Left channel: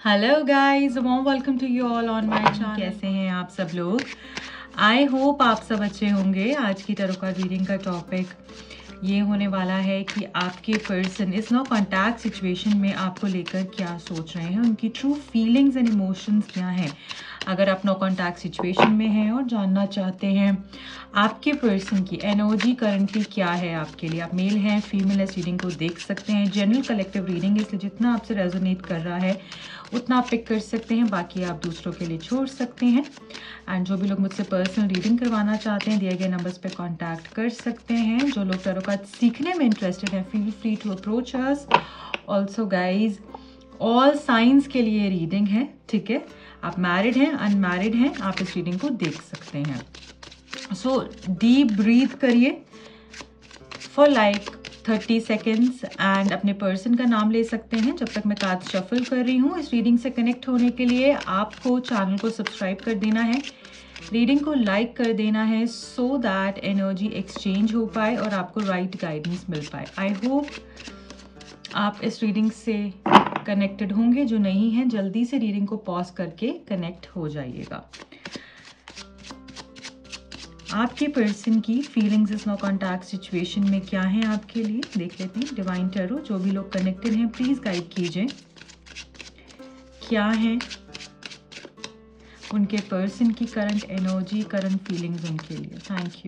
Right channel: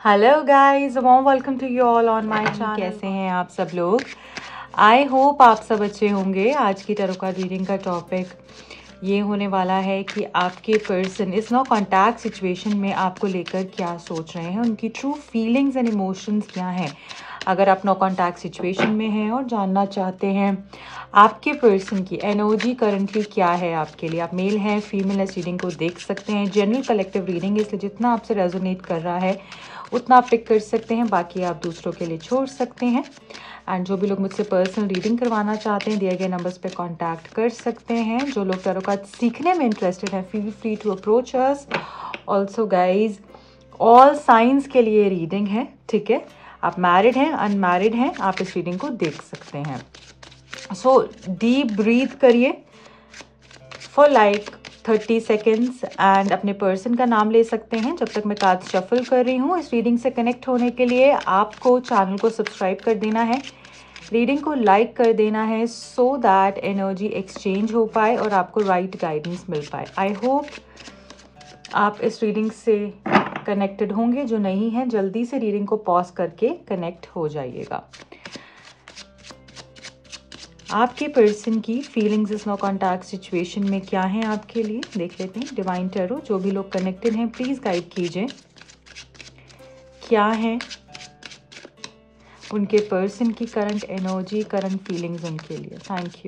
Hello guys, warm welcome to you all on my channel. कैसे हैं आप सब लोग? आई होप आप सब अच्छे होंगे। आज की टैरो कार्ड रीडिंग का टॉपिक ये होने वाला है कि आपके पर्सन इस नो कॉन्टैक्ट सिचुएशन में आपको लेकर क्या सोच रहे हैं, उनकी ट्रू फीलिंग्स एंड इमोशंस क्या हैं। अगर आप नो कॉन्टैक्ट सिचुएशन में हैं और जानना चाहते हैं आपके पर्सन की एनर्जी करंटली क्या है आपके लिए, आप मेल हैं फीमेल, इस रीडिंग को देख सकते हैं। जनरल कलेक्टिव रीडिंग, इसलिए जितना आपसे रेजोनेट कर रहा है उतना आप पिक कर सकते हैं, बाकी आप दूसरों के लिए छोड़ सकते हैं। एंड जो भी लोग मुझसे पर्सनल रीडिंग करवाना चाहते हैं, दिए गए नंबर्स पे कांटेक्ट कर सकते हैं। जो लोग टैरो कार्ड सीखने में इंटरेस्टेड हैं, feel free to approach us. Also guys, all science के लिए रीडिंग है, ठीक है? आप मैरिड हैं, अनमैरिड हैं, आप इस रीडिंग को देख सकते हैं। सो डीप ब्रीथ करिए फॉर लाइक 30 सेकेंड्स एंड अपने पर्सन का नाम ले सकते हैं जब तक मैं कार्ड शफल कर रही हूँ। इस रीडिंग से कनेक्ट होने के लिए आपको चैनल को सब्सक्राइब कर देना है, रीडिंग को लाइक कर देना है, सो दैट एनर्जी एक्सचेंज हो पाए और आपको राइट गाइडेंस मिल पाए। आई होप आप इस रीडिंग से कनेक्टेड होंगे। जो नहीं है जल्दी से रीडिंग को पॉज करके कनेक्ट हो जाइएगा। आपके पर्सन की फीलिंग्स इस नो कॉन्टैक्ट सिचुएशन में क्या है आपके लिए, देख लेते हैं। डिवाइन टैरो, जो भी लोग कनेक्टेड हैं प्लीज गाइड कीजिए, क्या है उनके पर्सन की करंट एनर्जी, करंट फीलिंग्स उनके लिए। Thank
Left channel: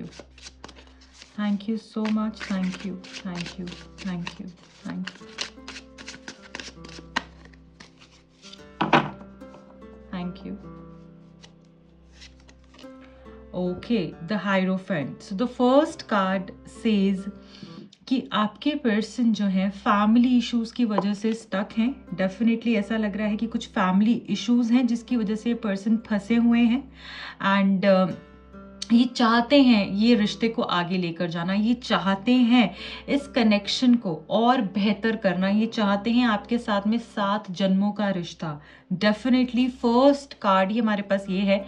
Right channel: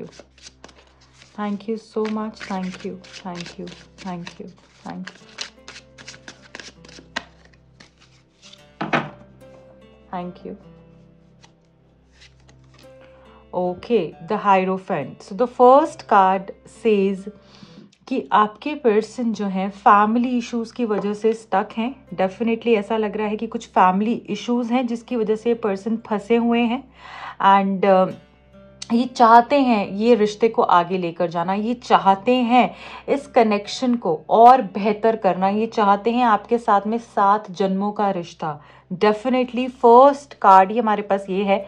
you so much, thank you, thank you, thank you, thank you, thank you. Okay, the Hierophant. So the first card says कि आपके पर्सन जो है फैमिली इश्यूज की वजह से स्टक हैं। डेफिनेटली ऐसा लग रहा है कि कुछ फैमिली इश्यूज हैं जिसकी वजह से पर्सन फंसे हुए हैं एंड ये चाहते हैं ये रिश्ते को आगे लेकर जाना, ये चाहते हैं इस कनेक्शन को और बेहतर करना, ये चाहते हैं आपके साथ में 7 जन्मों का रिश्ता। डेफिनेटली फर्स्ट कार्ड ही हमारे पास ये है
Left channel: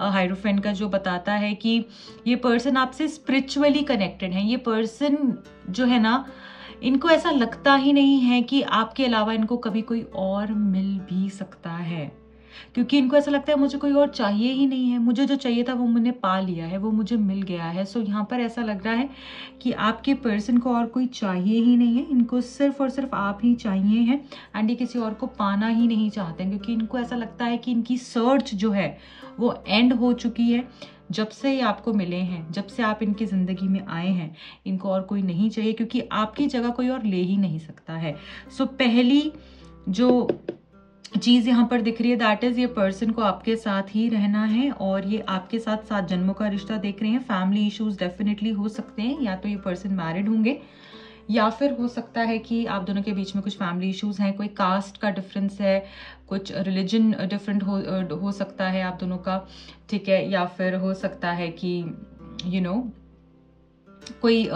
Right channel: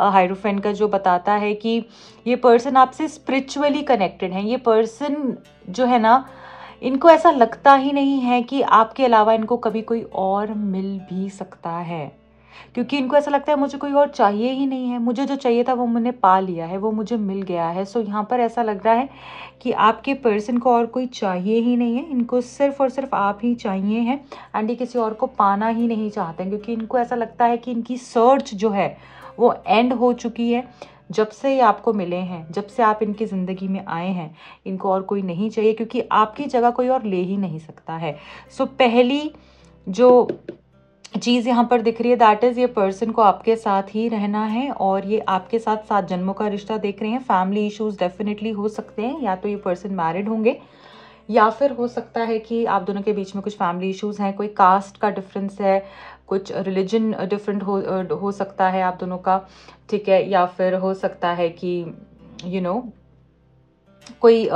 हाइरोफेंट का, जो बताता है कि ये पर्सन आपसे स्पिरिचुअली कनेक्टेड है। ये पर्सन जो है ना, इनको ऐसा लगता ही नहीं है कि आपके अलावा इनको कभी कोई और मिल भी सकता है, क्योंकि इनको ऐसा लगता है मुझे कोई और चाहिए ही नहीं है, मुझे जो चाहिए था वो मैंने पा लिया है, वो मुझे मिल गया है। सो यहाँ पर ऐसा लग रहा है कि आपके पर्सन को और कोई चाहिए ही नहीं है, इनको सिर्फ और सिर्फ आप ही चाहिए हैं एंड ये किसी और को पाना ही नहीं चाहते हैं, क्योंकि इनको ऐसा लगता है कि इनकी सर्च जो है वो एंड हो चुकी है। जब से ये आपको मिले हैं, जब से आप इनकी ज़िंदगी में आए हैं, इनको और कोई नहीं चाहिए, क्योंकि आपकी जगह कोई और ले ही नहीं सकता है। सो पहली जो चीज़ यहाँ पर दिख रही है दैट इज़ ये पर्सन को आपके साथ ही रहना है और ये आपके साथ 7 जन्मों का रिश्ता देख रहे हैं। फैमिली इश्यूज डेफिनेटली हो सकते हैं, या तो ये पर्सन मैरिड होंगे या फिर हो सकता है कि आप दोनों के बीच में कुछ फैमिली इश्यूज हैं, कोई कास्ट का डिफरेंस है, कुछ रिलीजन डिफरेंट हो सकता है आप दोनों का, ठीक है? या फिर हो सकता है कि यू नो कोई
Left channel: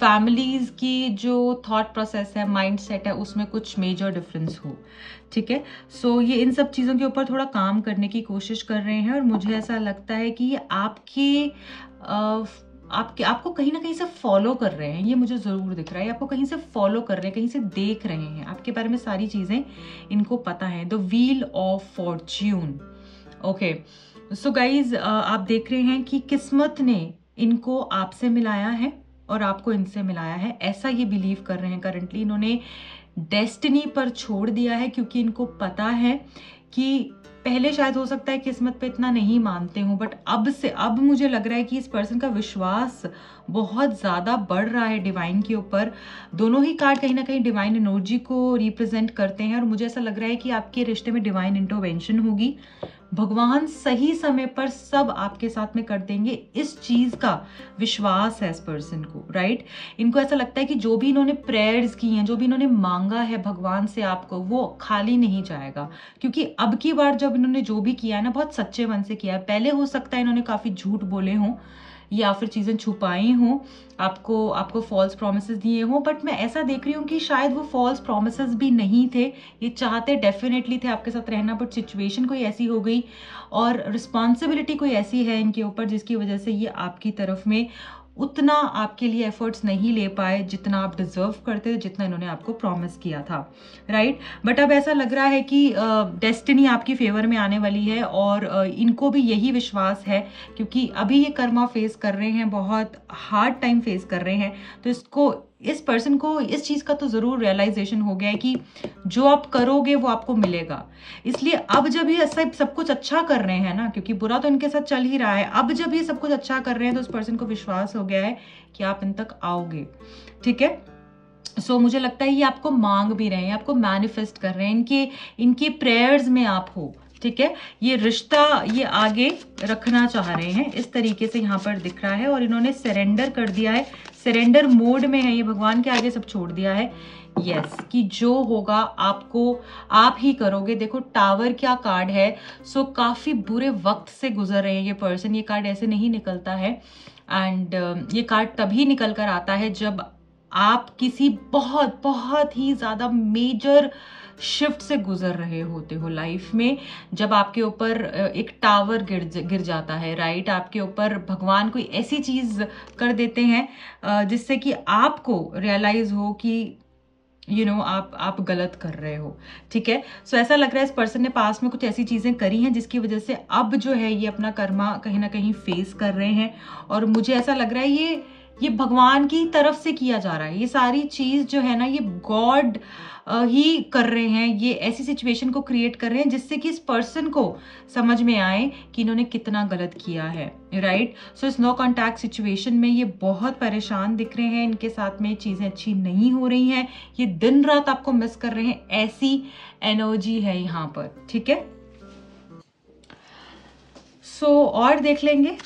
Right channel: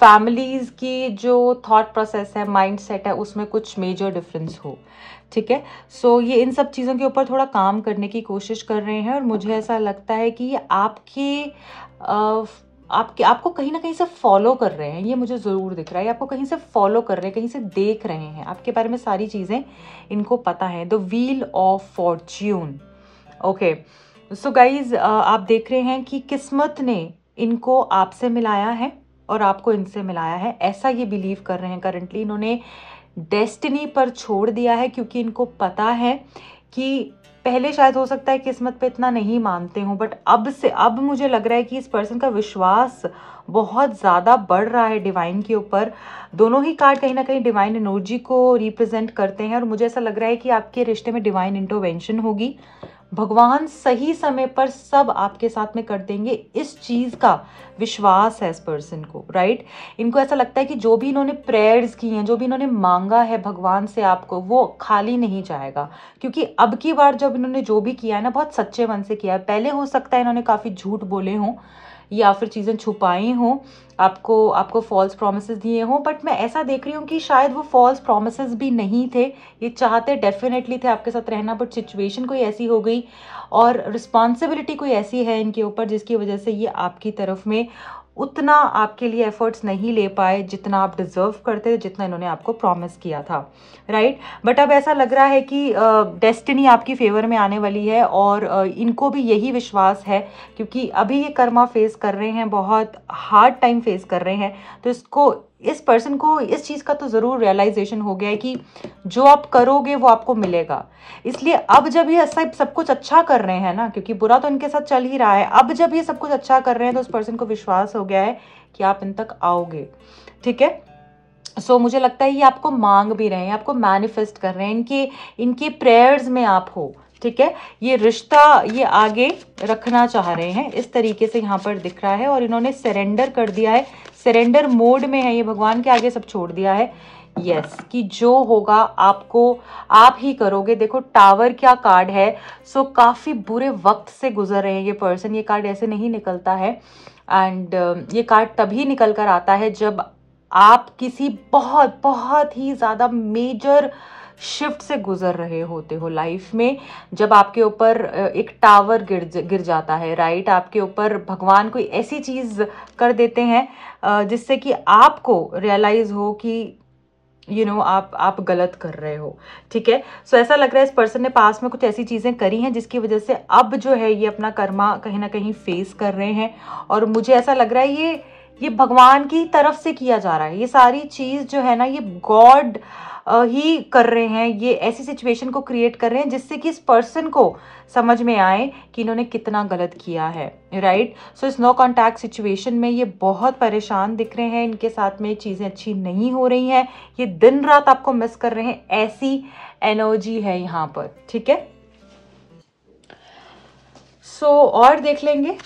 फैमिलीज की जो थॉट प्रोसेस है, माइंड सेट है, उसमें कुछ मेजर डिफरेंस हो, ठीक है? सो ये इन सब चीज़ों के ऊपर थोड़ा काम करने की कोशिश कर रहे हैं और मुझे ऐसा लगता है कि ये आपको कहीं ना कहीं से फॉलो कर रहे हैं। ये मुझे ज़रूर दिख रहा है, आपको कहीं से फॉलो कर रहे हैं, कहीं से देख रहे हैं, आपके बारे में सारी चीज़ें इनको पता है। The wheel of Fortune. Okay, so guys, आप देख रहे हैं कि किस्मत ने इनको आपसे मिलाया है और आपको इनसे मिलाया है, ऐसा ये बिलीव कर रहे हैं करंटली। इन्होंने डेस्टिनी पर छोड़ दिया है, क्योंकि इनको पता है कि पहले शायद हो सकता है किस्मत पे इतना नहीं मानते हो, बट अब मुझे लग रहा है कि इस पर्सन का विश्वास बहुत ज़्यादा बढ़ रहा है डिवाइन के ऊपर। दोनों ही कार्ड कहीं ना कहीं डिवाइन एनर्जी को रिप्रेजेंट करते हैं और मुझे ऐसा लग रहा है कि आपके रिश्ते में डिवाइन इंटरवेंशन होगी। भगवान सही समय पर सब आपके साथ में कर देंगे, इस चीज का विश्वास है इस पर्सन को, राइट? इनको ऐसा लगता है कि जो भी इन्होंने प्रेयर्स की हैं, जो भी इन्होंने मांगा है भगवान से आपको, वो खाली नहीं जाएगा, क्योंकि अब की बार जब इन्होंने जो भी किया है ना, बहुत सच्चे मन से किया है। पहले हो सकता है इन्होंने काफी झूठ बोले हों या फिर चीजें छुपाई हों, आपको फॉल्स प्रोमिसेस दिए हों, बट मैं ऐसा देख रही हूँ कि शायद वो फॉल्स प्रोमिसेस भी नहीं थे। ये चाहते डेफिनेटली थे आपके साथ रहना, बट सिचुएशन कोई ऐसी हो गई और रिस्पॉन्सिबिलिटी कोई ऐसी है इनके ऊपर जिसकी वजह से ये आपकी तरफ में उतना आपके लिए एफर्ट्स नहीं ले पाए जितना आप डिजर्व करते थे, जितना इन्होंने आपको प्रॉमिस किया था, राइट। बट अब ऐसा लग रहा है कि डेस्टिनी आपकी फेवर में आने वाली है और इनको भी यही विश्वास है, क्योंकि अभी ये कर्मा फेस कर रहे हैं, बहुत हार्ड टाइम फेस कर रहे हैं। तो इस पर्सन को इस चीज़ का तो ज़रूर रियलाइजेशन हो गया है कि जो आप करोगे वो आपको मिलेगा। इसलिए अब जब ये सब कुछ अच्छा कर रहे हैं ना, क्योंकि बुरा तो इनके साथ चल ही रहा है, अब जब ये सब कुछ अच्छा कर रहे हैं तो उस पर्सन को विश्वास हो गया है कि आप इन तक आओगे, ठीक है। सो मुझे लगता है ये आपको मांग भी रहे हैं, आपको मैनिफेस्ट कर रहे हैं, इनके प्रेयर्स में आप हो, ठीक है। ये रिश्ता ये आगे रखना चाह रहे हैं, इस तरीके से यहाँ पर दिख रहा है। और इन्होंने सरेंडर कर दिया है, सरेंडर मोड में है, ये भगवान के आगे सब छोड़ दिया है। यस, कि जो होगा आपको आप ही करोगे। देखो टावर क्या कार्ड है, सो काफी बुरे वक्त से गुजर रहे हैं ये पर्सन। ये कार्ड ऐसे नहीं निकलता है, एंड ये कार्ड तभी निकल कर आता है जब आप किसी बहुत बहुत ही ज्यादा मेजर शिफ्ट से गुजर रहे होते हो लाइफ में, जब आपके ऊपर एक टावर गिर जाता है, राइट। आपके ऊपर भगवान कोई ऐसी चीज कर देते हैं जिससे कि आपको रियलाइज हो कि आप गलत कर रहे हो, ठीक है। सो ऐसा लग रहा है इस पर्सन ने पास में कुछ ऐसी चीजें करी हैं जिसकी वजह से अब जो है ये अपना कर्मा कहीं ना कहीं फेस कर रहे हैं। और मुझे ऐसा लग रहा है ये भगवान की तरफ से किया जा रहा है, ये सारी चीज जो है ना ये गॉड ही कर रहे हैं। ये ऐसी सिचुएशन को क्रिएट कर रहे हैं जिससे कि इस पर्सन को समझ में आए कि इन्होंने कितना गलत किया है, राइट। सो इस नो कॉन्टैक्ट सिचुएशन में ये बहुत परेशान दिख रहे हैं, इनके साथ में चीजें अच्छी नहीं हो रही हैं, ये दिन रात आपको मिस कर रहे हैं, ऐसी एनर्जी है यहाँ पर, ठीक है। सो और देख लेंगे।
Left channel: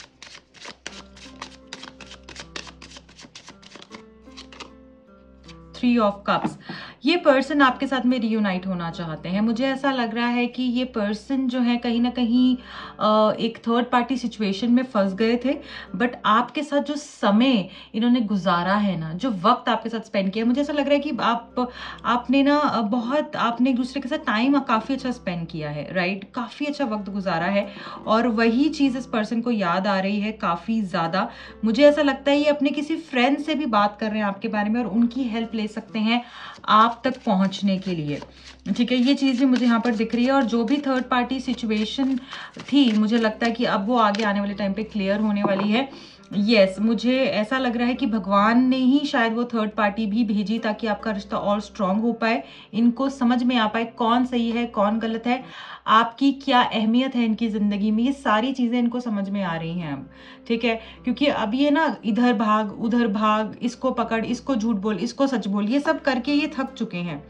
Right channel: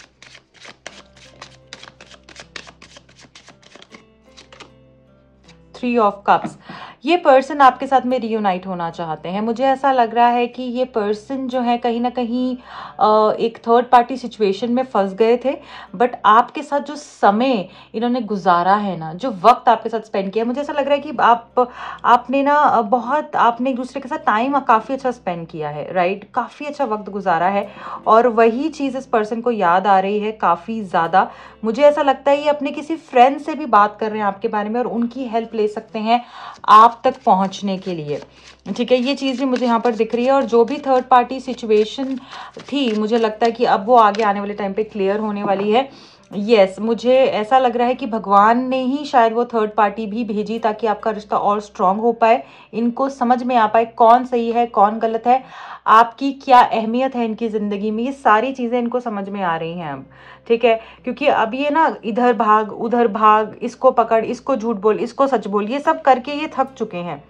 थ्री ऑफ कप्स, ये पर्सन आपके साथ में रियूनाइट होना चाहते हैं। मुझे ऐसा लग रहा है कि ये पर्सन जो है कहीं ना कहीं एक थर्ड पार्टी सिचुएशन में फंस गए थे, बट आपके साथ जो समय इन्होंने गुजारा है ना, जो वक्त आपके साथ स्पेंड किया, मुझे ऐसा लग रहा है कि आपने ना आपने एक दूसरे के साथ टाइम काफ़ी अच्छा स्पेंड किया है, राइट। काफ़ी अच्छा वक्त गुजारा है और वही चीज़ इस पर्सन को याद आ रही है काफ़ी ज़्यादा। मुझे ऐसा लगता है ये अपने किसी फ्रेंड से भी बात कर रहे हैं आपके बारे में और उनकी हेल्प ले सकते हैं आप तक पहुंचने के लिए, ठीक है। ये चीज़ भी मुझे यहाँ पर दिख रही है। और जो भी थर्ड पार्टी सिचुएशन थी, मुझे लगता है कि अब वो आगे आने वाले टाइम पे क्लियर होने वाली है। यस, मुझे ऐसा लग रहा है कि भगवान ने ही शायद वो थर्ड पार्टी भी भेजी ताकि आपका रिश्ता और स्ट्रांग हो पाए, इनको समझ में आ पाए कौन सही है कौन गलत है, आपकी क्या अहमियत है इनकी जिंदगी में, ये सारी चीजें इनको समझ में आ रही हैं अब, ठीक है। क्योंकि अब ये ना इधर भाग उधर भाग, इसको पकड़, इसको झूठ बोल, इसको सच बोल, ये सब करके ये थक चुके हैं।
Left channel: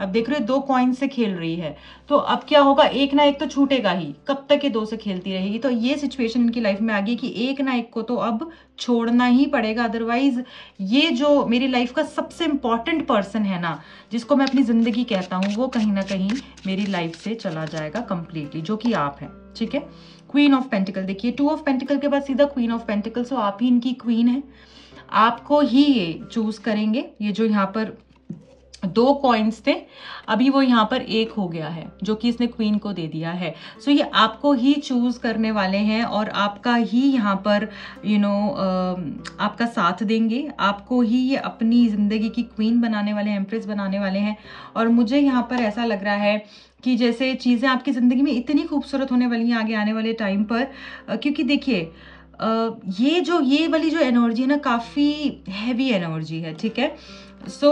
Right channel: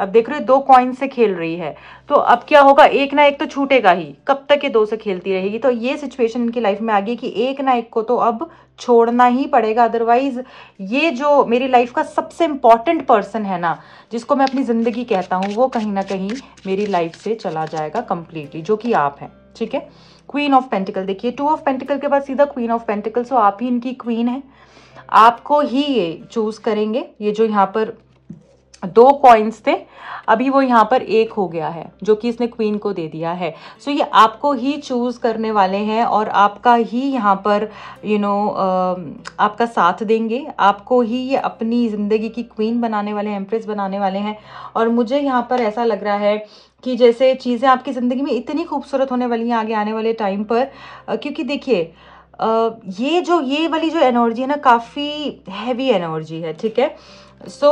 अब देख रहे हो 2 कॉइन से खेल रही है, तो अब क्या होगा, एक ना एक तो छूटेगा ही, कब तक ये 2 से खेलती रहेगी। तो ये सिचुएशन इनकी लाइफ में आ गई कि एक ना एक को तो अब छोड़ना ही पड़ेगा, अदरवाइज ये जो मेरी लाइफ का सबसे इंपॉर्टेंट पर्सन है ना, जिसको मैं अपनी जिंदगी कहता हूँ, वो कहीं ना कहीं मेरी लाइफ से चला जाएगा कंप्लीटली, जो कि आप हैं, ठीक है। क्वीन ऑफ पेंटिकल, देखिए 2 ऑफ पेंटिकल के बाद सीधा क्वीन ऑफ पेंटिकल, सो आप ही इनकी क्वीन है, आपको ही ये चूज करेंगे। ये जो यहाँ पर 2 कॉइन्स थे, अभी वो यहाँ पर 1 हो गया है, जो कि इसने क्वीन को दे दिया है। सो ये आपको ही चूज करने वाले हैं और आपका ही यहाँ पर आपका साथ देंगे, आपको ही ये अपनी जिंदगी की क्वीन बनाने वाले हैं, एम्प्रेस बनाने वाले हैं। और मुझे यहाँ पर ऐसा लग रहा है कि जैसे चीज़ें आपकी ज़िंदगी में इतनी खूबसूरत होने वाली हैं आगे आने वाले टाइम पर, क्योंकि देखिए ये वाली जो एनर्जी है ना, काफ़ी हैवी एनर्जी है, ठीक है। सो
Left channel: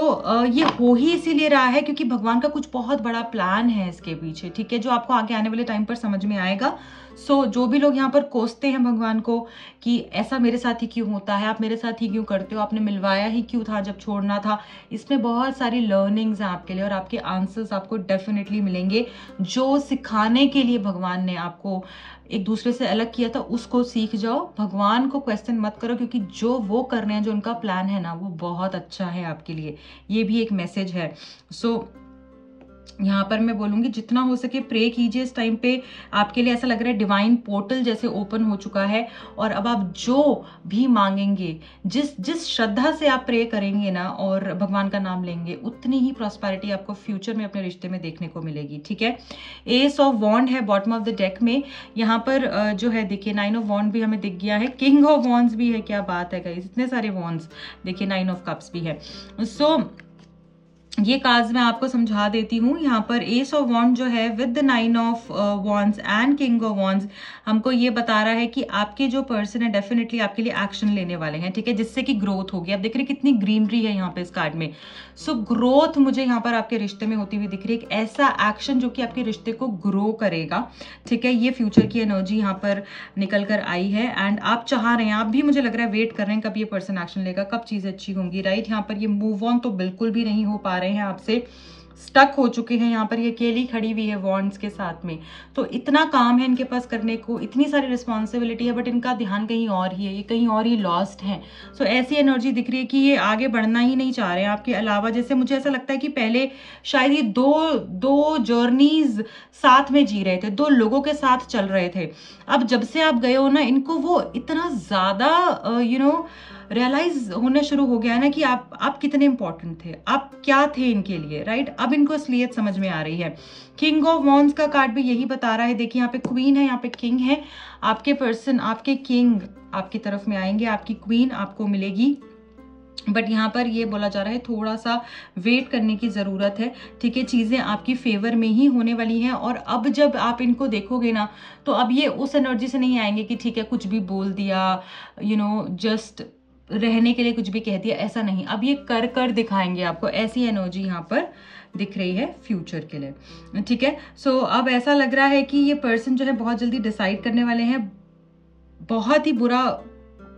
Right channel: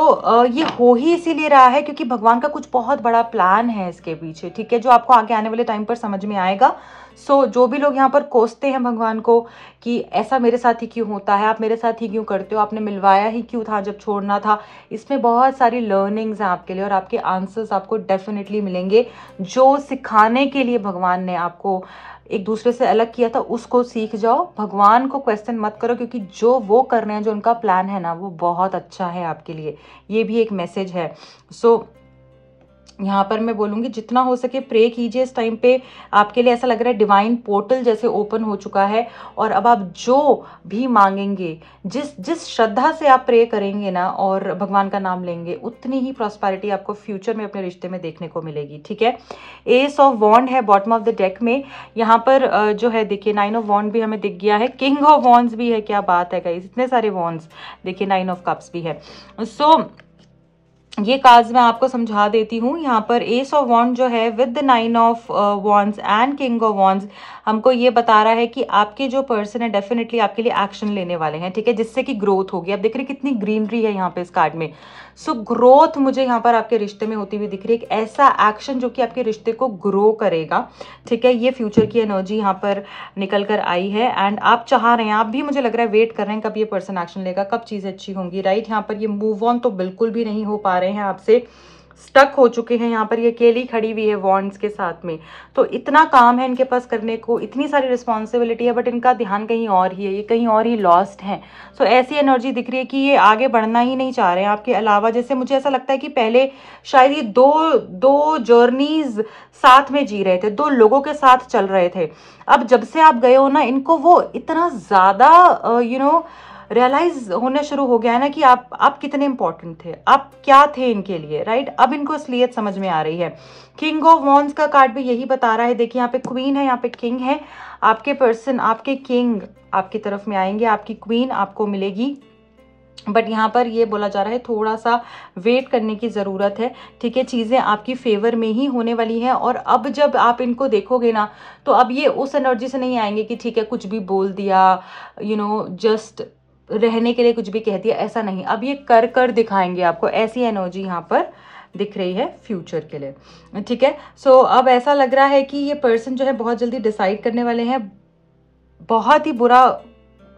ये हो ही इसीलिए रहा है क्योंकि भगवान का कुछ बहुत बड़ा प्लान है इसके पीछे, ठीक है, जो आपको आगे आने वाले टाइम पर समझ में आएगा। सो जो भी लोग यहाँ पर कोसते हैं भगवान को कि ऐसा मेरे साथ ही क्यों होता है, आप मेरे साथ ही क्यों करते हो, आपने मिलवाया ही क्यों था जब छोड़ना था, इसमें बहुत सारी लर्निंग्स हैं आपके लिए और आपके आंसर्स आपको डेफिनेटली मिलेंगे। जो सिखाने के लिए भगवान ने आपको एक दूसरे से अलग किया था, उसको सीख जाओ, भगवान को क्वेश्चन मत करो, क्योंकि जो वो कर रहे हैं, जो उनका प्लान है ना, वो बहुत अच्छा है आपके लिए। ये भी एक मैसेज है। सो यहाँ पर मैं बोलूँगी जितना हो सके प्रे कीजिए इस टाइम पे। आपके लिए ऐसा लग रहा है डिवाइन पोर्टल जैसे ओपन हो चुका है, और अब आप जो भी मांगेंगे, जिस श्रद्धा से आप प्रे करेंगे ना और भगवान का नाम लेंगे, उतनी ही प्रॉस्पेरिटी आपको फ्यूचर में अपने रिश्ते में देखने को मिलेगी। ठीक है, एस ऑफ वॉन्ड है बॉटम ऑफ द डेक में। यहाँ पर जो है देखिए 9 ऑफ वॉन्ड भी हमें दिख गया है, किंग ऑफ वॉन्ड्स भी है। क्या बात है गाइस, इतने सारे वॉन्ड्स, देखिए 9 ऑफ कप्स भी है। सो ये कार्ड्स मैं आपको समझा देती हूँ। यहाँ पर एस ऑफ वॉन्ड जो है with the 9 of wands and king of wands हमको ये बता रहा है कि आपके जो पर्सन है डेफिनेटली आपके लिए एक्शन लेने वाले हैं। ठीक है, जिससे कि ग्रोथ होगी। आप देख रहे हैं कितनी ग्रीनरी है यहाँ पे इस कार्ड में। सो ग्रोथ मुझे यहाँ पर आपके रिश्ते में होती हुई दिख रही है, एक ऐसा एक्शन जो कि आपके रिश्ते को ग्रो करेगा। ठीक है, ये फ्यूचर की एनर्जी यहाँ पर निकल कर आई है, एंड आप चाह रहे हैं, आप भी मुझे लग रहा है वेट कर रहे हैं कब ये पर्सन एक्शन लेगा, कब चीज़ें अच्छी होंगी। राइट, यहाँ पर ये मूव ऑन तो बिल्कुल भी नहीं हो पा रहे हैं आपसे, स्टक हो चुके हैं। यहाँ पर ये अकेली खड़ी हुई है वॉन्ड्स के साथ में। तो इतना काम है इनके पास करने को, इतनी सारी रिस्पॉन्सिबिलिटी है, बट इनका ध्यान कहीं और ही है, ये कहीं और ही लॉस्ट है। सो ऐसी एनर्जी दिख रही है कि ये आगे बढ़ना ही नहीं चाह रहे हैं आपके अलावा। जैसे मुझे ऐसा लगता है कि पहले शायद ये दो जर्नीज साथ में जी रहे थे, दो लोगों के साथ चल रहे थे। अब जब से आप गए हो ना, इनको वो इतना ज्यादा रियलाइज होने शुरू हो गया है ना कि आप कितने इंपॉर्टेंट थे, आप क्या थे इनके लिए। राइट, अब इनको असलियत समझ में आ रही है। किंग ऑफ वॉन्ड्स का कार्ड भी यही बता रहा है। देखिए यहाँ पे क्वीन है, यहाँ पे किंग है। आपके पर्सन, आपके किंग आपकी तरफ में आएंगे, आपकी क्वीन आपको मिलेगी, बट यहाँ पर ये बोला जा रहा है थोड़ा सा वेट करने की ज़रूरत है। ठीक है, चीज़ें आपकी फेवर में ही होने वाली हैं। और अब जब आप इनको देखोगे ना, तो अब ये उस एनर्जी से नहीं आएंगे कि ठीक है कुछ भी बोल दिया, जस्ट रहने के लिए कुछ भी कह दिया, ऐसा नहीं। अब ये कर कर दिखाएंगे आपको, ऐसी एनर्जी यहाँ पर दिख रही है फ्यूचर के लिए। ठीक है, सो अब ऐसा लग रहा है कि ये पर्सन जो है बहुत जल्दी डिसाइड करने वाले हैं। बहुत ही बुरा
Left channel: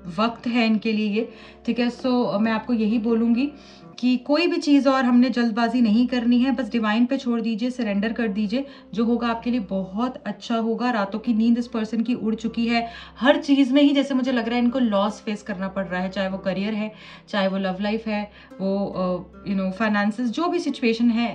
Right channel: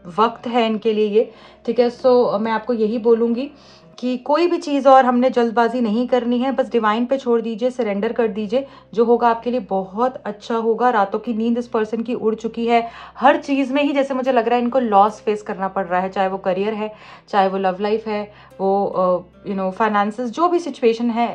वक्त है इनके लिए ये। ठीक है, सो मैं आपको यही बोलूँगी कि कोई भी चीज़ और हमने जल्दबाजी नहीं करनी है, बस डिवाइन पे छोड़ दीजिए, सरेंडर कर दीजिए। जो होगा आपके लिए बहुत अच्छा होगा। रातों की नींद इस पर्सन की उड़ चुकी है। हर चीज़ में ही जैसे मुझे लग रहा है इनको लॉस फेस करना पड़ रहा है, चाहे वो करियर है, चाहे वो लव लाइफ है, वो फाइनेंसेस, जो भी सिचुएशन है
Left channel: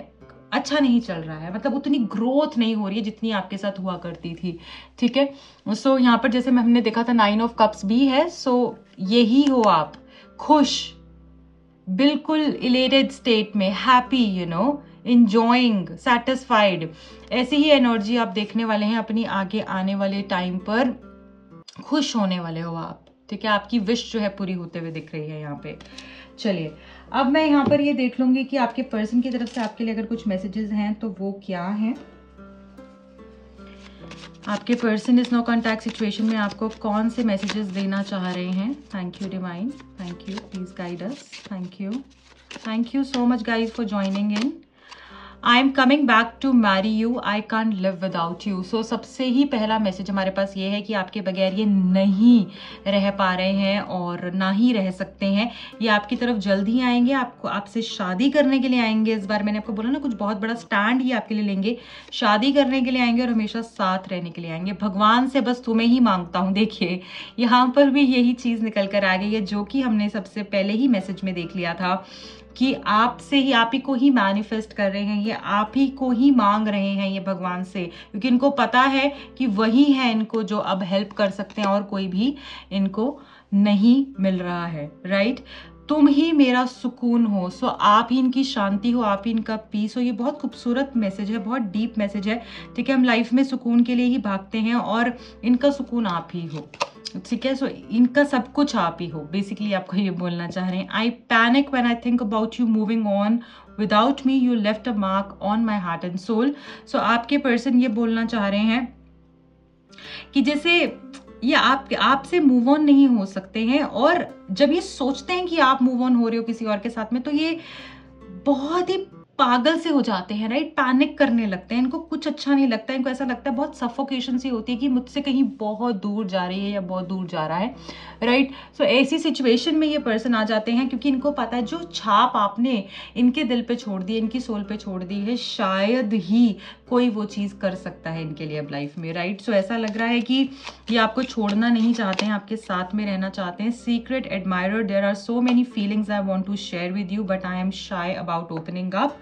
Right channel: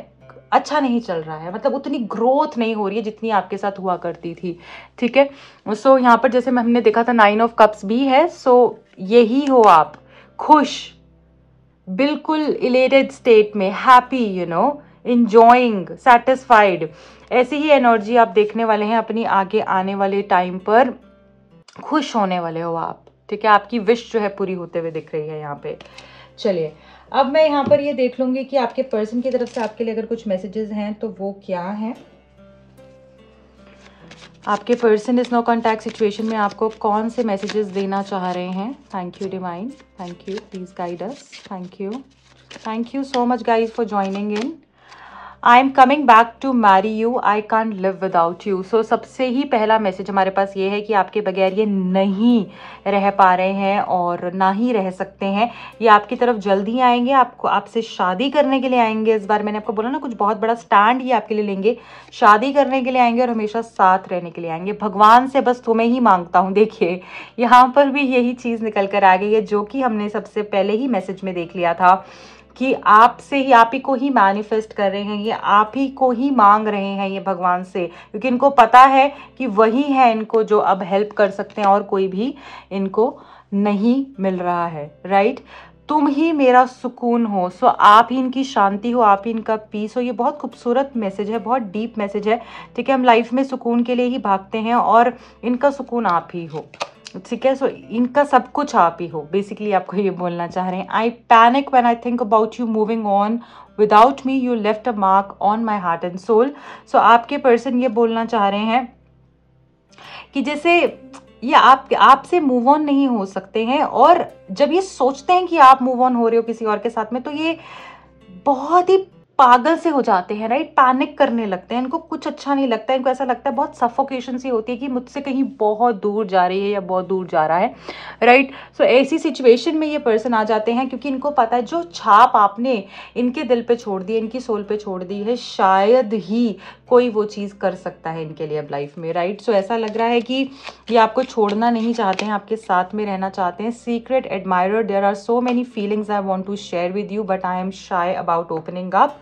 अच्छा नहीं चल रहा है। मतलब उतनी ग्रोथ नहीं हो रही है जितनी आपके साथ हुआ करती थी। ठीक है, सो यहाँ पर जैसे हमने देखा था 9 ऑफ कप्स भी है। सो यही हो आप, खुश, बिल्कुल इलेटेड स्टेट में, हैप्पी, इंजॉइंग, सेटिस्फाइड, ऐसी ही एनर्जी आप देखने वाले हैं अपनी आगे आने वाले टाइम पर। खुश होने वाले हो आप। ठीक है, आपकी विश जो है पूरी होते हुए दिख रही है यहाँ पे। चलिए, अब मैं यहाँ पर ये देख लूंगी कि आपके पर्सन की तरफ से आपके लिए अगर कुछ मैसेजेस हैं तो वो क्या हैं। आपके पर्सन इस नो कॉन्टैक्ट सिचुएशन में आपको कौन से मैसेजेस देना चाह रहे हैं। Thank you divine, thank you, please guide us. Thank you so much guys for joining in. I am coming back to marry you, I can't live without you. So सबसे ही पहला मैसेज हमारे पास ये है कि आपके बगैर ये नहीं रह पा रहे हैं और ना ही रह सकते हैं। ये आपकी तरफ जल्द ही आएंगे, आपसे शादी करने के लिए आएंगे। इस बार मैंने आपको बोला ना, कुछ बहुत बड़ा स्टैंड ही आपके लिए लेंगे, शादी करने के लिए आएंगे और हमेशा साथ रहने के लिए आएंगे। भगवान से बस तुम्हें ही मांगता हूँ। देखिए यहाँ पर भी यही चीज़ निकल कर आ गई है जो कि हमने सबसे पहले ही मैसेज में देख लिया था कि आपसे ही, आप ही को ही मैनिफेस्ट कर रहे हैं, ये आप ही को ही मांग रहे हैं ये भगवान से, क्योंकि इनको पता है कि वही है इनको जो अब हेल्प कर सकते हैं और कोई भी इनको नहीं मिल रहा है। राइट, तुम ही मेरा सुकून हो। सो आप ही इनकी शांति हो, आप ही इनका पीस हो। ये बहुत खूबसूरत मैसेज है, बहुत डीप मैसेज है। ठीक है, हम लाइफ में सुकून के लिए ही भागते हैं और इनका सुकून आप ही हो। ठीक है, सो इनका सब कुछ आप ही हो, बेसिकली आपको ये बोलना चाह रहे हैं। I panic when I think about you moving on without me, you left a mark on my heart and soul. So आपके पर्सन ये बोलना चाह रहे हैं कि जैसे ये आपसे मूव ऑन नहीं हो सकते हैं, और जब ये सोचते हैं कि आप मूव ऑन हो रहे हो किसी और के साथ में, तो ये बहुत ही पागल से हो जाते हैं। राइट, पैनिक करने लगते हैं, इनको कुछ अच्छा नहीं लगता है। इनको ऐसा लगता है, बहुत सफोकेशन सी होती है कि मुझसे कहीं बहुत दूर जा रही है या बहुत दूर जा रहा है। राइट, सो ऐसी सिचुएशन में ये पर्सन आ जाते हैं क्योंकि इनको पता है जो छाप आपने इनके दिल पे छोड़ दी है, इनकी सोल पे छोड़ दी है, शायद ही कोई वो चीज़ कर सकता है इनके लिए अब लाइफ में। राइट, सो ऐसा लग रहा है कि ये आपको छोड़ना नहीं चाहते हैं, आपके साथ में रहना चाहते हैं। Secret admirer, there are so many feelings I want to share with you but I am shy about opening up.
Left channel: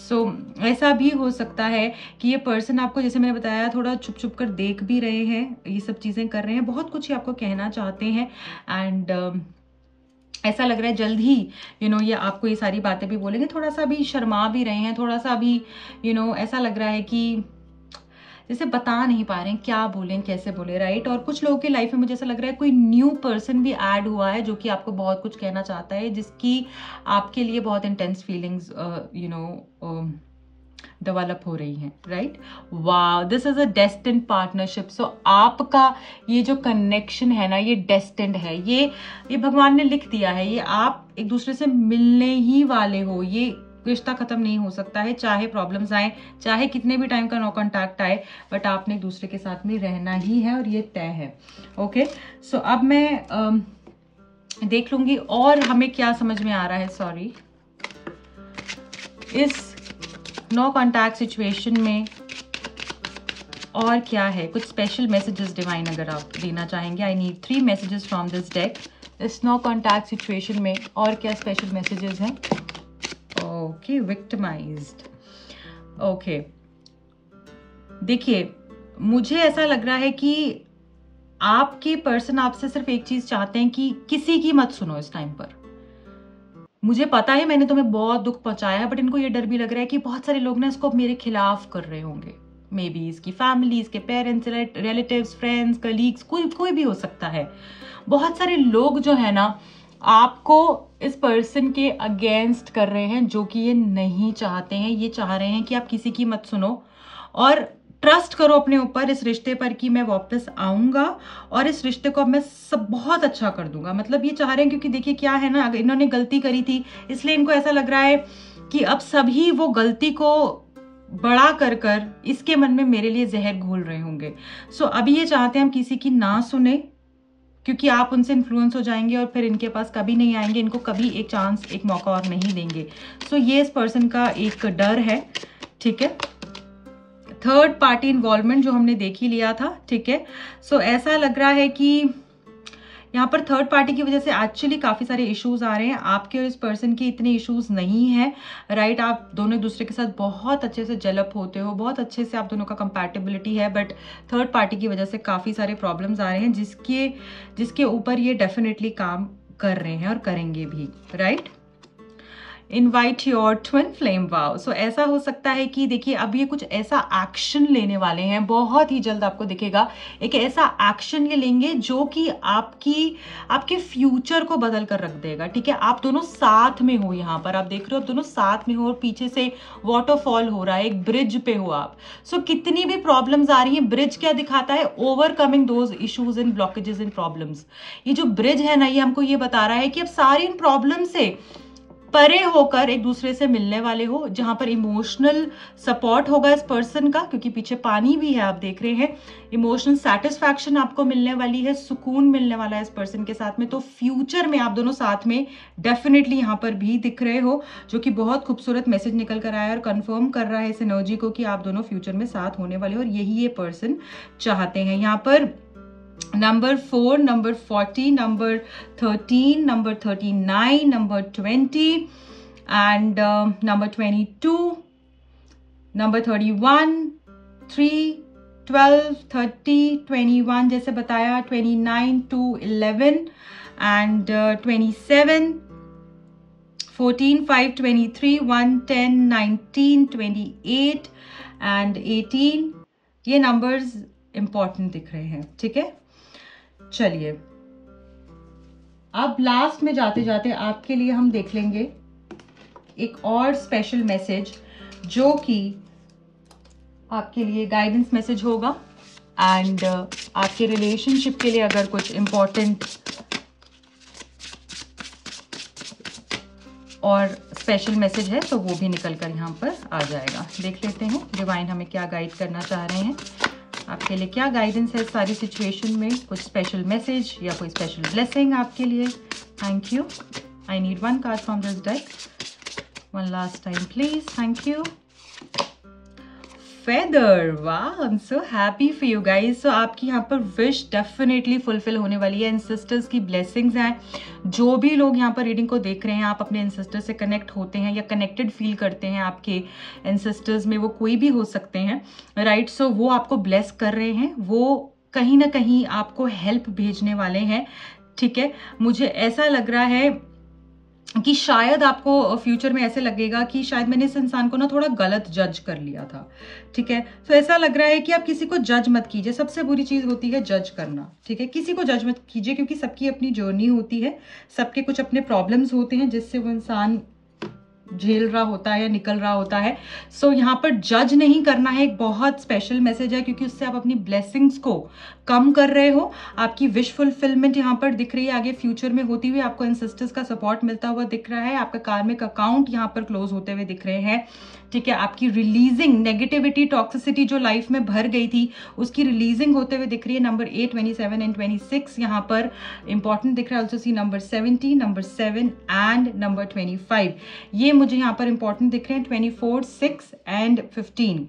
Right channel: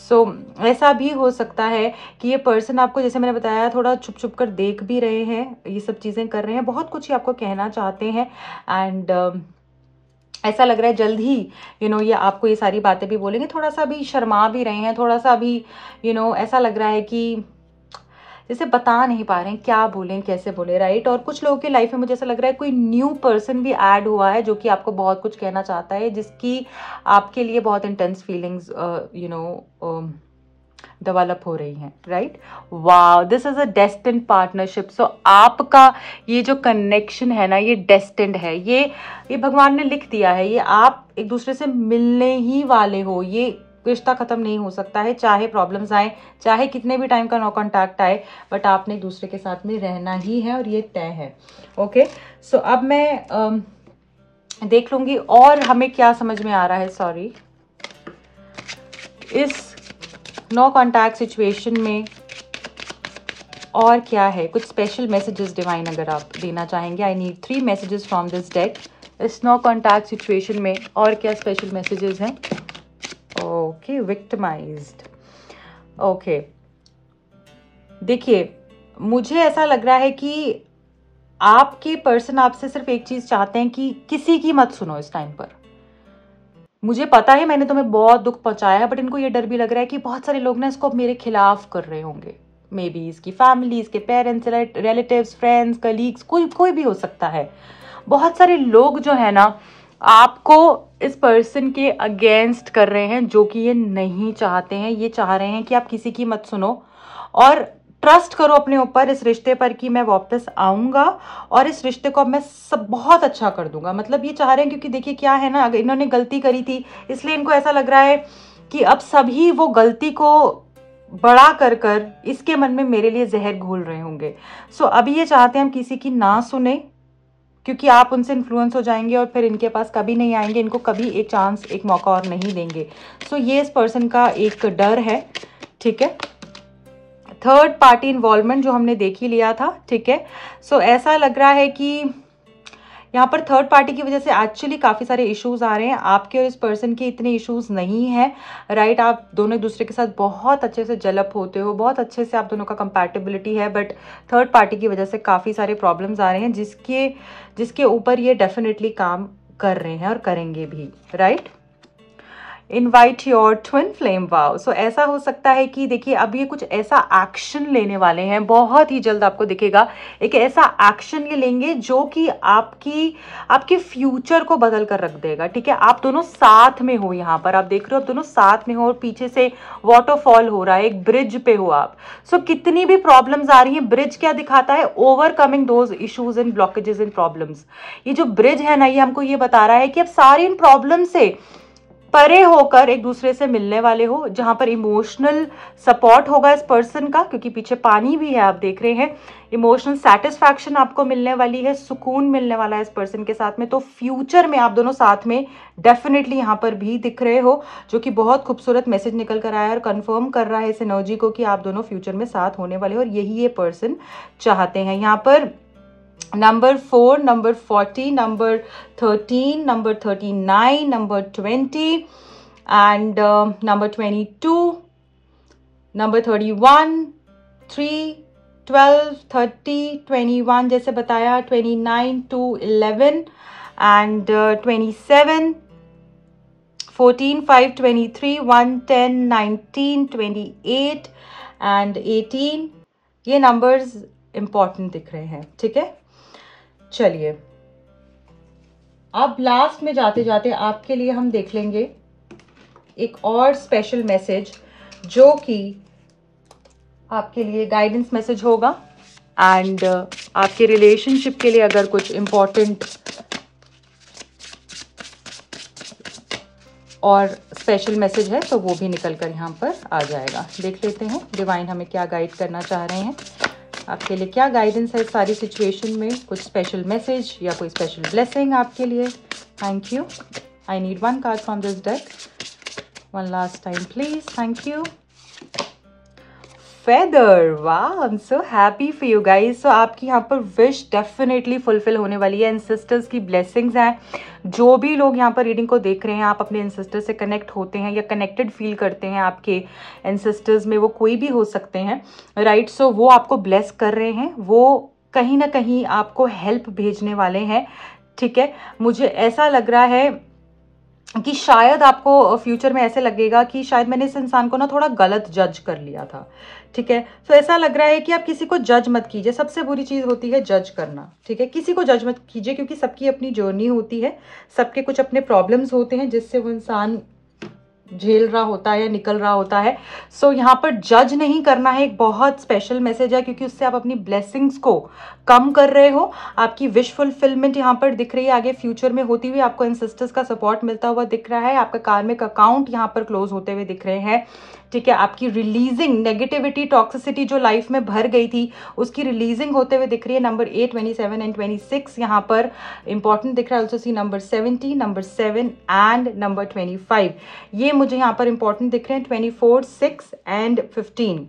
So ऐसा भी हो सकता है कि ये पर्सन आपको, जैसे मैंने बताया, थोड़ा छुप छुप कर देख भी रहे हैं, ये सब चीज़ें कर रहे हैं, बहुत कुछ ही आपको कहना चाहते हैं। एंड ऐसा लग रहा है जल्द ही ये आपको ये सारी बातें भी बोलेंगे। थोड़ा सा भी शर्मा भी रहे हैं, थोड़ा सा भी ऐसा लग रहा है कि जैसे बता नहीं पा रहे हैं क्या बोलें, कैसे बोले, राइट। और कुछ लोगों की लाइफ में मुझे ऐसा लग रहा है कोई न्यू पर्सन भी ऐड हुआ है जो कि आपको बहुत कुछ कहना चाहता है, जिसकी आपके लिए बहुत इंटेंस फीलिंग्स डेवलप हो रही हैं, right. Wow, this is a destined partnership. So आपका ये जो कनेक्शन है ना, ये डेस्टिन्ड है, ये भगवान ने लिख दिया है, ये आप एक दूसरे से मिलने ही वाले हो। ये रिश्ता खत्म नहीं हो सकता है, चाहे प्रॉब्लम्स आए, चाहे कितने भी टाइम का नो कॉन्टैक्ट आए, बट आपने एक दूसरे के साथ में रहना ही है और ये तय है। ओके, सो अब मैं देख लूंगी और हमें क्या समझ में आ रहा है। सॉरी, इस नो कॉन्टैक्ट सिचुएशन में और क्या है, कुछ स्पेशल मैसेजेस डिवाइन अगर आप देना चाहेंगे। I need 3 messages from this deck. इस नो कॉन्टैक्ट सिचुएशन में और क्या स्पेशल मैसेजेस हैं। Okay, victimised. ओके, देखिए मुझे ऐसा लग रहा है कि आपके पर्सन आपसे सिर्फ एक चीज चाहते हैं कि किसी की मत सुनो इस टाइम पर। मुझे पता है मैंने तुम्हें बहुत दुख पहुंचाया है, बट इनको ये डर भी लग रहा है कि बहुत सारे लोग ना इसको मेरे खिलाफ कर रहे होंगे। मे बी इसकी फैमिली, इसके पेरेंट्स, रिलेटिव्स, फ्रेंड्स, कलीग्स, कोई भी हो सकता है। बहुत सारे लोग जो है ना आपको इस पर्सन के अगेंस्ट कर रहे हैं, जो कि ये नहीं चाहते हैं। ये चाह रहे हैं कि आप किसी की मत सुनो और ट्रस्ट करो अपने ऊपर, इस रिश्ते पर, कि मैं वापस आऊंगा और इस रिश्ते को अब मैं सब बहुत अच्छा कर दूंगा। मतलब ये चाह रहे हैं, क्योंकि देखिए क्या है ना, अगर इन्होंने गलती करी थी इसलिए इनको ऐसा लग रहा है कि अब सभी वो गलती को बड़ा कर कर इसके मन में मेरे लिए जहर घोल रहे होंगे। सो अभी ये चाहते हैं हम किसी की ना सुने, क्योंकि आप उनसे इन्फ्लुएंस हो जाएंगे और फिर इनके पास कभी नहीं आएंगे, इनको कभी एक चांस, एक मौका और नहीं देंगे। सो ये इस पर्सन का एक डर है, ठीक है। थर्ड पार्टी इन्वॉल्वमेंट जो हमने देख ही लिया था, ठीक है। सो ऐसा लग रहा है कि यहाँ पर थर्ड पार्टी की वजह से एक्चुअली काफ़ी सारे इश्यूज आ रहे हैं। आपके और इस पर्सन के इतने इश्यूज नहीं हैं, राइट। आप दोनों एक दूसरे के साथ बहुत अच्छे से जेलअप होते हो, बहुत अच्छे से आप दोनों का कंपैटिबिलिटी है, बट थर्ड पार्टी की वजह से काफ़ी सारे प्रॉब्लम्स आ रहे हैं, जिसके ऊपर ये डेफिनेटली काम कर रहे हैं और करेंगे भी, right. Invite your twin flame wow. So ऐसा हो सकता है कि देखिए अब ये कुछ ऐसा एक्शन लेने वाले हैं, बहुत ही जल्द आपको दिखेगा एक ऐसा एक्शन ये लेंगे जो कि आपके फ्यूचर को बदल कर रख देगा, ठीक है। आप दोनों साथ में हो, यहाँ पर आप देख रहे हो आप दोनों साथ में हो और पीछे से वाटरफॉल हो रहा है, एक ब्रिज पे हो आप। सो कितनी भी प्रॉब्लम्स आ रही हैं, ब्रिज क्या दिखाता है, overcoming those issues and blockages and problems. ये जो ब्रिज है ना, ये हमको ये बता रहा है कि अब सारी इन प्रॉब्लम से परे होकर एक दूसरे से मिलने वाले हो, जहां पर इमोशनल सपोर्ट होगा इस पर्सन का, क्योंकि पीछे पानी भी है आप देख रहे हैं। इमोशनल सेटिस्फैक्शन आपको मिलने वाली है, सुकून मिलने वाला है इस पर्सन के साथ में। तो फ्यूचर में आप दोनों साथ में डेफिनेटली यहाँ पर भी दिख रहे हो, जो कि बहुत खूबसूरत मैसेज निकल कर आया और कंफर्म कर रहा है इस एनर्जी को कि आप दोनों फ्यूचर में साथ होने वाले हो, और यही ये पर्सन चाहते हैं। यहाँ पर number 4, number 40, number 13, number 39, number 20 and number 22, number 31, 3, 12, 30, 21 जैसे बताया, 29 to 11 एंड 27, 14, 5, 23, 1, 10, 19, 28 एंड 18। ये नंबर्स इंपॉर्टेंट दिख रहे हैं, ठीक है। चलिए अब लास्ट में जाते जाते आपके लिए हम देख लेंगे एक और स्पेशल मैसेज, जो कि आपके लिए गाइडेंस मैसेज होगा। एंड आपके रिलेशनशिप के लिए अगर कुछ इंपॉर्टेंट और स्पेशल मैसेज है तो वो भी निकल कर यहाँ पर आ जाएगा। देख लेते हैं डिवाइन हमें क्या गाइड करना चाह रहे हैं, आपके लिए क्या गाइडेंस है इस सारी सिचुएशन में। कुछ स्पेशल मैसेज या कोई स्पेशल ब्लेसिंग आपके लिए। Thank you. I need 1 card from this deck, 1 last time please. Thank you. feather. Wow, I'm so happy for you guys. So आपकी यहाँ पर विश डेफिनेटली फुलफिल होने वाली है. एंसेस्टर्स की ब्लेसिंग्स हैं. जो भी लोग यहाँ पर रीडिंग को देख रहे हैं, आप अपने एंसेस्टर से कनेक्ट होते हैं या कनेक्टेड फील करते हैं, आपके एंसेस्टर्स में वो कोई भी हो सकते हैं, राइट. सो वो आपको ब्लेस कर रहे हैं, वो कहीं ना कहीं आपको हेल्प भेजने वाले हैं. ठीक है, मुझे ऐसा लग रहा है कि शायद आपको फ्यूचर में ऐसे लगेगा कि शायद मैंने इस इंसान को ना थोड़ा गलत जज कर लिया था. ठीक है, तो ऐसा लग रहा है कि आप किसी को जज मत कीजिए. सबसे बुरी चीज होती है जज करना. ठीक है, किसी को जज मत कीजिए, क्योंकि सबकी अपनी जर्नी होती है, सबके कुछ अपने प्रॉब्लम्स होते हैं जिससे वो इंसान झेल रहा होता है या निकल रहा होता है. सो यहाँ पर जज नहीं करना है, एक बहुत स्पेशल मैसेज है, क्योंकि उससे आप अपनी ब्लेसिंग्स को कम कर रहे हो. आपकी विश फुलफिलमेंट यहाँ पर दिख रही है, आगे फ्यूचर में होती हुई आपको एंसेस्टर्स का सपोर्ट मिलता हुआ दिख रहा है. आपका कार्मिक अकाउंट यहाँ पर क्लोज होते हुए दिख रहे हैं. ठीक है, आपकी रिलीजिंग नेगेटिविटी, टॉक्सिसिटी जो लाइफ में भर गई थी, उसकी रिलीजिंग होते हुए दिख रही है. नंबर 8, 27 एंड 26 यहाँ पर इंपॉर्टेंट दिख रहा है. Also see number 70, number 7 and number 25, ये मुझे यहाँ पर इंपॉर्टेंट दिख रहे हैं. 24, 6 एंड 15,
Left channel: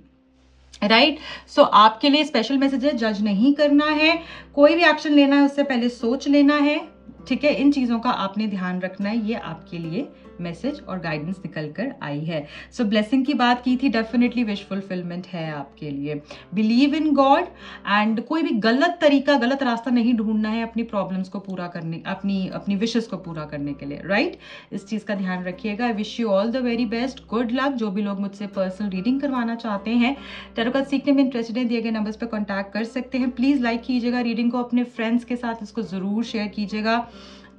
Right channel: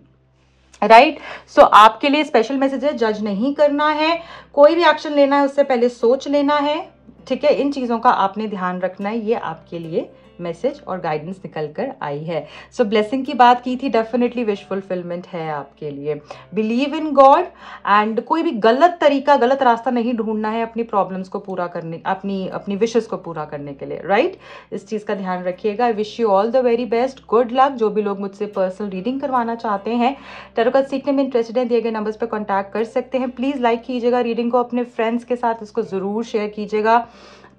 राइट. सो आपके लिए स्पेशल मैसेज है, जज नहीं करना है, कोई भी एक्शन लेना है उससे पहले सोच लेना है. ठीक है, इन चीजों का आपने ध्यान रखना है. ये आपके लिए मैसेज और गाइडेंस निकल कर आई है. सो ब्लेसिंग की बात की थी, डेफिनेटली विश फुलफिलमेंट है आपके लिए. बिलीव इन गॉड एंड कोई भी गलत तरीका, गलत रास्ता नहीं ढूंढना है अपनी प्रॉब्लम्स को पूरा करने, अपनी विशेस को पूरा करने के लिए, राइट. इस चीज का ध्यान रखिएगा. I wish you all the very best, good luck. जो भी लोग मुझसे पर्सनल रीडिंग करवाना चाहते हैं, टैरो कार्ड सीखने में इंटरेस्टेड हैं, दिए गए नंबर्स पर कॉन्टैक्ट कर सकते हैं. प्लीज लाइक कीजिएगा रीडिंग को, अपने फ्रेंड्स के साथ इसको जरूर शेयर कीजिएगा,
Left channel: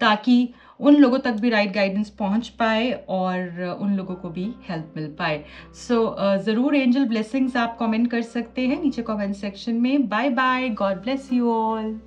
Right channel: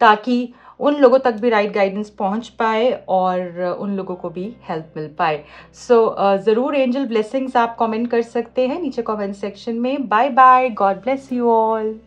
ताकि उन लोगों तक भी राइट गाइडेंस पहुंच पाए और उन लोगों को भी हेल्प मिल पाए. सो ज़रूर एंजल ब्लेसिंग्स आप कमेंट कर सकते हैं नीचे कमेंट सेक्शन में. Bye bye, God bless you all.